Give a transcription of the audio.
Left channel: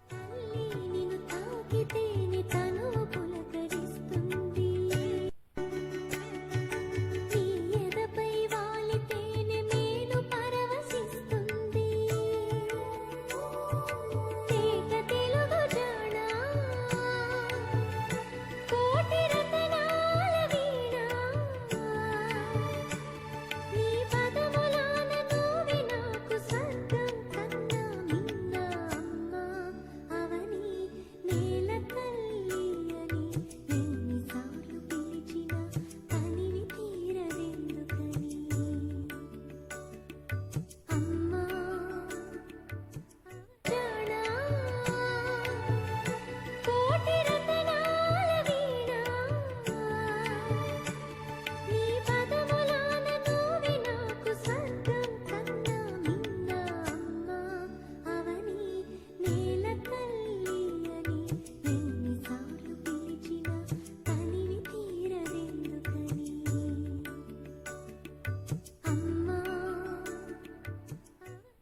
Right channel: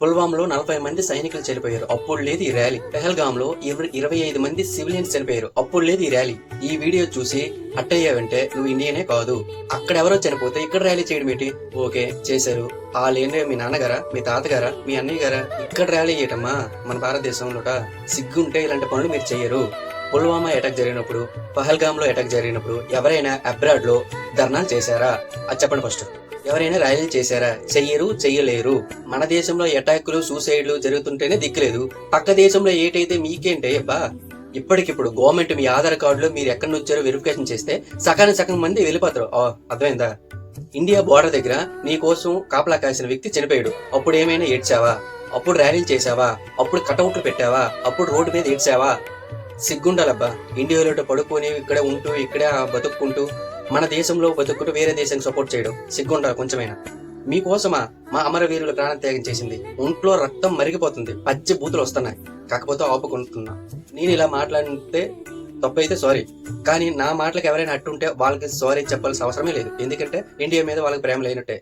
పుల్వామాలో 40 మంది సైనికులు చనిపోయారు. అప్పుడు లేదు ఈ ర్యాలీ. పెహల్గాంలో 25 మంది సివిలియన్స్ చనిపోయారు. అప్పుడు లేదు ఈ ర్యాలీ. ఈ వీడియో చూసి అట్టయ్యావంటే నువ్వు ఇండియనే కాదు. అక్కడ ఎవరో చనిపోతే ఇక్కడ ర్యాలీ చేయడం ఏంటి? ఓకే చేశారు. వాళ్ళేంటే మీ నాన్నగారా, మీ తాతగారా, మీ అన్నయ్య గారా? ఇక్కడ ర్యాలీ చేయటమ్మా మన భారతదేశంలోట. సిగ్గుంటే ఇలాంటి పనులు మీరు చెయ్యరు. పుల్వామా అటాక్ జరిగినప్పుడు, పహల్గామ్ లో అటాక్ జరిగినప్పుడు ఎవరైనా అబ్రాడ్ లో ధర్నాలు చేశారా? అది చెప్పండి ఫస్ట్. ఎవరైనా ర్యాలీలు చేశారా? చెయ్యరు, చెయ్యలేరు. మన దేశంలో అటాక్లు, సూసైడ్లు జరుగుతుంటేనే దిక్కులేదు. పక్క దేశంలో ఏటైతే మీకేంటే అబ్బా. ఇప్పటికిప్పుడు గవర్నమెంట్ మీ ఆధార్ కార్డులో మీరు ఎక్కడి నుంచి వచ్చారో వెరిఫికేషన్ చేస్తే సగం మంది వెళ్ళిపోతారు. అర్థమైందా? ఇండియా బోర్డర్ దగ్గర నీ కోసం కాపలా కాసిన వ్యక్తి చనిపోయాడు. అప్పుడు ఏమైనా ఏడ్చావా? అప్పుడు ర్యాలీలు చేసావా? అప్పుడు కటౌట్లు పెట్టావా? అప్పుడు రోడ్డు మీద ఏడ్చావా? సిగ్గుండాలబ్బా. ఇండియాలో పడుకొని ఇక్కడ ఉంటూ ఇక్కడే బతుక్కుంటూ మన దేశంలో బతుక్కుంటూ వేరే దేశానికి సపోర్ట్ చేయడం సిగ్గుండాలి కొంచెమైనా. మీకోసమా మా అమరవీరులు ప్రాణత్యాగం చేసింది? ఒంట్లో రక్తం మరిగిపోతుంది, పచ్చి బూతులు వస్తున్నాయి. కాకపోతే ఆపుకుంటున్నా. నేను ఇలా మాట్లాడితే తప్పైతే సారీ, కానీ నా మాటలకు ఎవరైనా అట్టుంటే వాళ్ళకి సారీ చెప్పాల్సిన అవసరమే లేదు. ఎందుకంటే ఇండియా మీద వాళ్ళకి ప్రేమ లేనట్టే.